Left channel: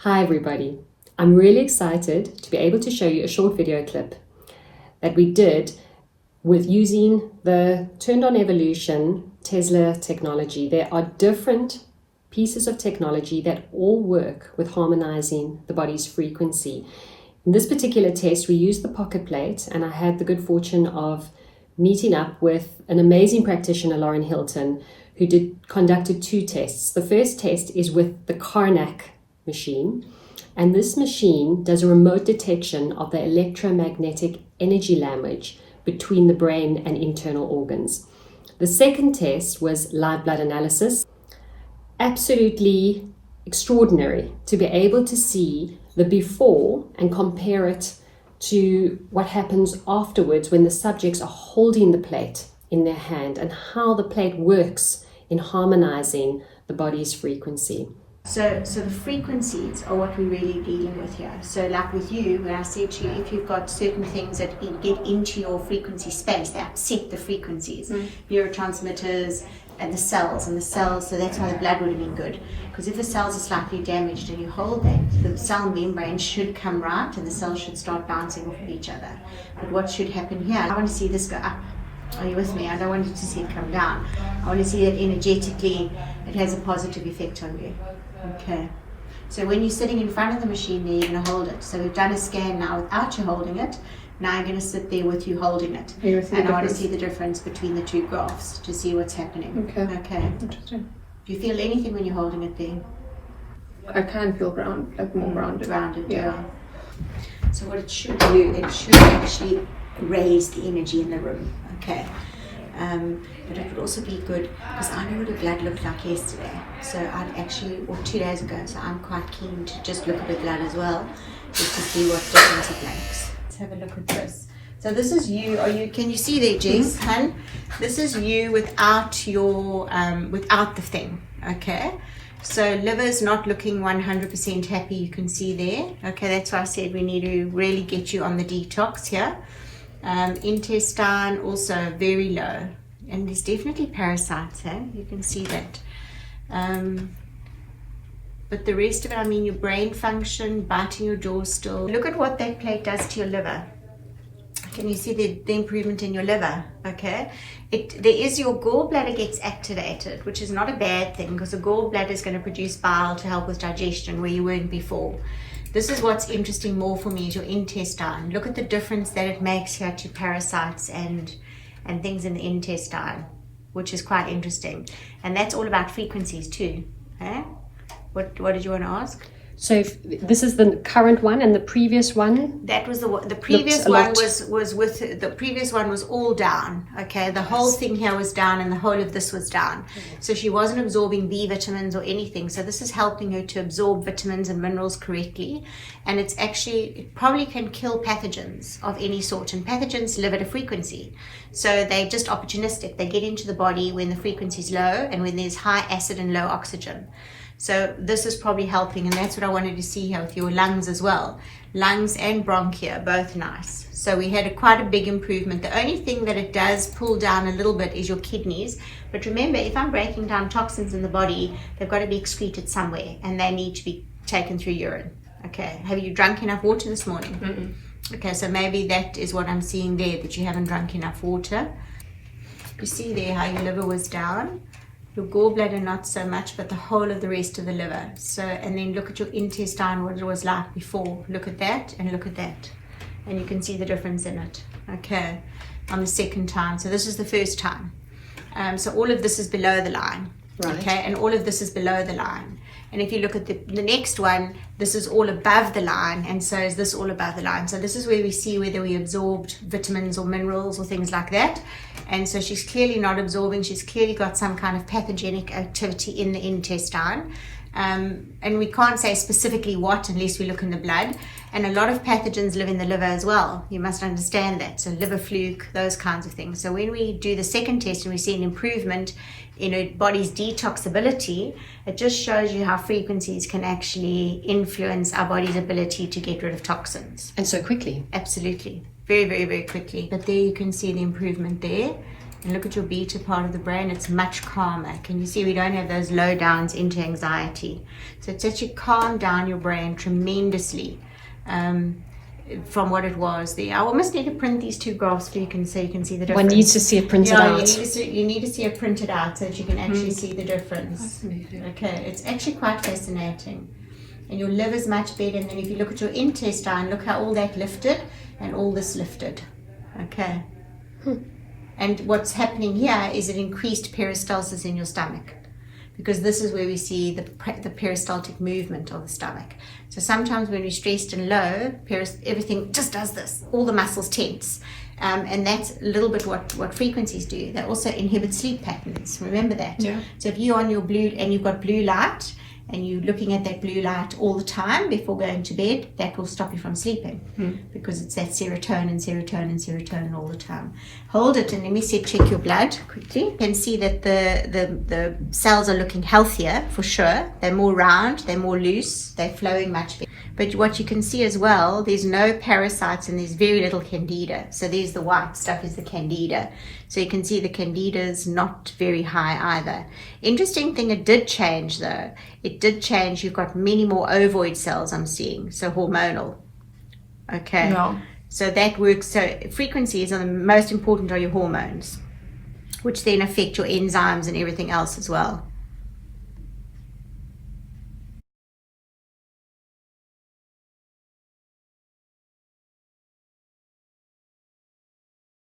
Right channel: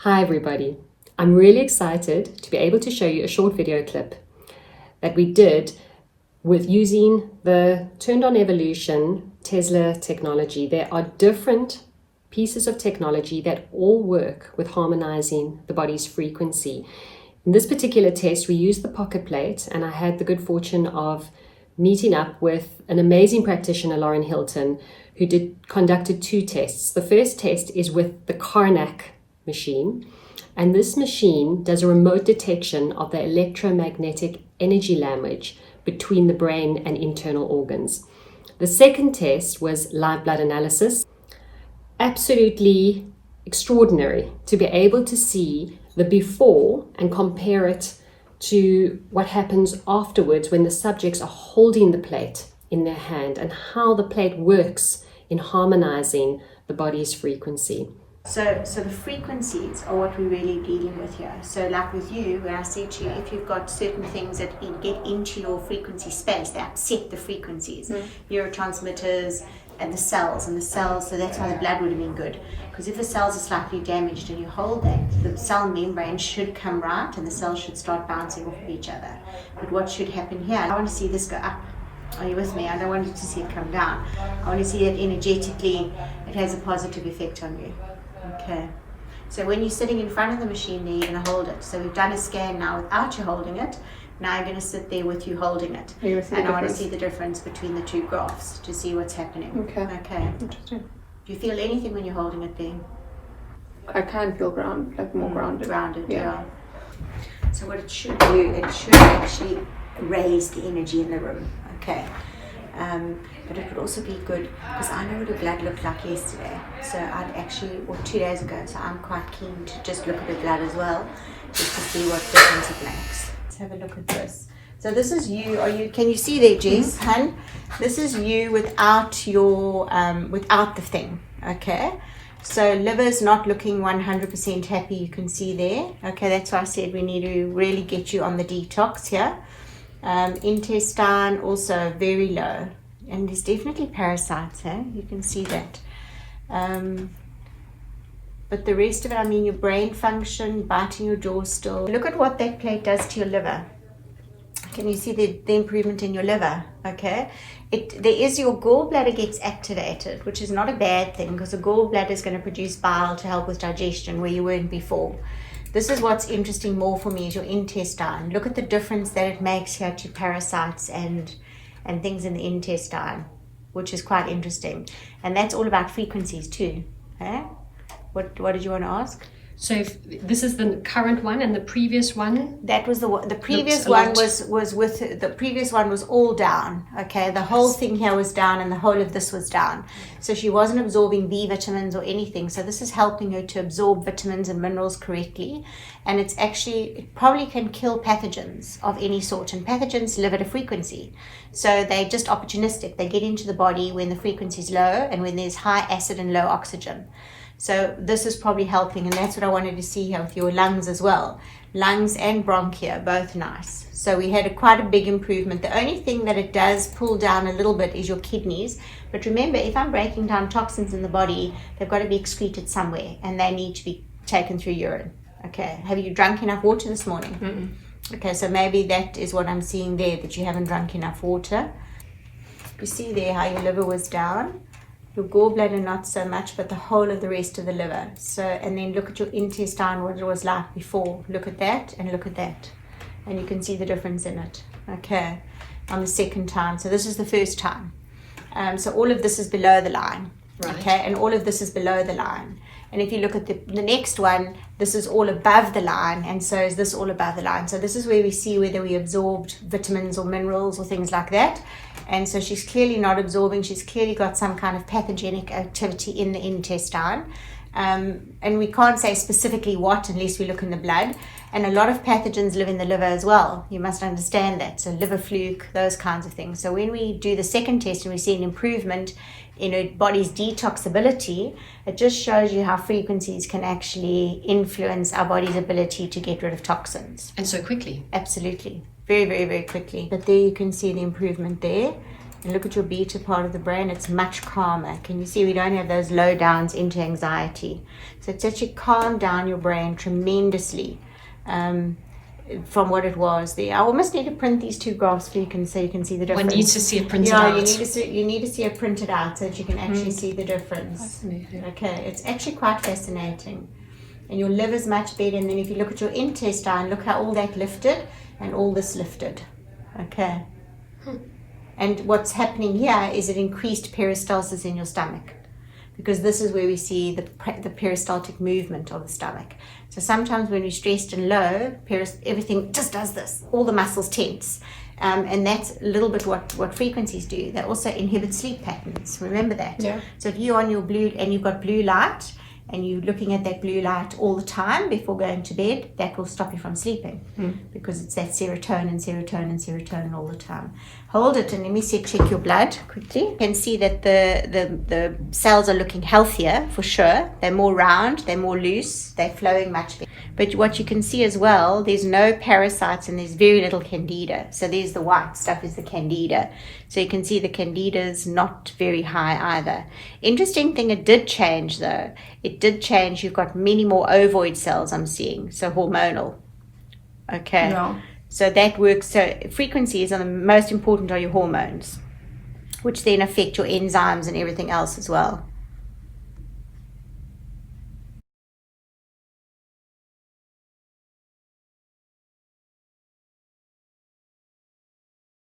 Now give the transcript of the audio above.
Hi everybody, I'm really excited to be able to show you a short video clip that we did with using the Turned On Evolution Tesla technology. There are different pieces of technology that all work with harmonizing the body's frequency. In this particular test, we used the pocket plate, and I had the good fortune of meeting up with an amazing practitioner, Lauren Hilton, who conducted two tests. The first test is with the Karnak machine, and this machine does a remote detection of the electromagnetic energy language between the brain and internal organs. The second test was live blood analysis. Absolutely extraordinary to be able to see the before and compare it to what happens afterwards when the subjects are holding the plate in their hand and how the plate works in harmonizing the body's frequency. So the frequencies are what we're really dealing with here. So like with you, when I said to you, if you've got certain things that get into your frequency space, they upset the frequencies, neurotransmitters and the cells, so that's why the blood would have been good. Because if the cells are slightly damaged and you hold that, the cell membrane should come right and the cells should start bouncing off of each other. But what should happen here, I want to see this go up. Are you with me? I don't want you to see it come down. I want to see that energetically it has a positive effect on you. Okay, so when you're sitting in front of the machine there, you're going to hold it. So we've done a scan now without you holding it. Now I'm going to sit there with you holding it. And I want to see the difference between the two graphs to see what's happening. Okay. Interesting. Do you feel anything when you're holding it there? I can feel more grounded. Grounded, yeah. So what it should do, it should actually raise the energy in the room. Okay. But it would also be good because I know what the blood looked like yesterday. So I'd actually, or 2 days ago, so I'm quite keen to just look at the blood as well, just to see what difference it makes. Let's have a look at this. So this is you. Can you see there, Jess? Hun? This is you without your without the thing. Okay. So liver's not looking 100% happy. You can see there. Okay, that's why I said we need to really get you on the detox here. Intestine also very low, and there's definitely parasites. You can see that. But the rest of it, I mean, your brain function, biting your jaw still. Look at what that plate does to your liver. Can you see the improvement in your liver? Okay, there is your gallbladder gets activated, which is not a bad thing because the gallbladder is going to produce bile to help with digestion where you weren't before. This is what's interesting more for me is your intestine. Look at the difference that it makes here to parasites and things in the intestine, which is quite interesting. And that's all about frequencies too. What did you want to ask? So if this is the current one and the previous one? That was the previous one the previous one was all down. Okay, the whole thing here was down and the whole of this was down. So she wasn't absorbing B vitamins or anything. So this is helping her to absorb vitamins and minerals correctly. And it probably can kill pathogens of any sort. And pathogens live at a frequency. So they're just opportunistic. They get into the body when the frequency is low and when there's high acid and low oxygen. So this is probably helping, and that's what I wanted to see here with your lungs as well. Lungs and bronchia, both nice. So we had quite a big improvement. The only thing that it does pull down a little bit is your kidneys. But remember, if I'm breaking down toxins in the body, they've got to be excreted somewhere, and they need to be taken through urine. Okay, have you drunk enough water this morning? Mm-mm. Okay, so maybe that is what I'm seeing there, that you haven't drunk enough water. You see there how your liver was down. Your gallbladder not so much, but the whole of the rest of the liver. So, and then look at your intestine, what it was like before. Look at that and look at that. And you can see the difference in it. Okay, on the second time. So this is the first time. So all of this is below the line. Right. Okay, and all of this is below the line. And if you look at the next one, this is all above the line, and so is this all above the line. So this is where we see whether we absorbed vitamins or minerals or things like that. And so she's clearly not absorbing. She's clearly got some kind of pathogenic activity in the intestine. And we can't say specifically what unless we look in the blood. And a lot of pathogens live in the liver as well. You must understand that. So liver fluke, those kinds of things. So when we do the second test and we see an improvement in a body's detoxability, it just shows you how frequencies can actually influence our body's ability to get rid of toxins. And so quickly. Absolutely. Very, very, very quickly. But there you can see the improvement there. and look at your beta part of the brain, it's much calmer. Can you see we don't have those low downs into anxiety? So it's actually calmed down your brain tremendously from what it was there. I almost need to print these two graphs for you so you can see the difference. One needs to see it printed yeah, out. you need to see it printed out so that you can actually see the difference. Okay, it's actually quite fascinating. And your liver's much better. And then if you look at your intestine, look how all that lifted and all this lifted. Okay. And what's happening here is it increased peristalsis in your stomach, because this is where we see the peristaltic movement of the stomach. So sometimes when we're stressed and low, everything just does this. All the muscles tense. And that's a little bit what frequencies do. They also inhibit sleep patterns. Remember that. Yeah. So if you're on your blue and you've got blue light, and you're looking at that blue light all the time before going to bed, that will stop you from sleeping because it's that serotonin all the time. Hold it and let me check your blood quickly. You can see that the cells are looking healthier for sure. They're more round, they're more loose, they're flowing much better. But what you can see as well, there's no parasites and there's very little candida. So there's the white stuff is the candida. So you can see the candida is not very high either. Interesting thing, it did change though. It did change. You've got many more ovoid cells I'm seeing. So hormonal. Okay. No. So that works. So frequencies are the most important are your hormones, which then affect your enzymes and everything else as well.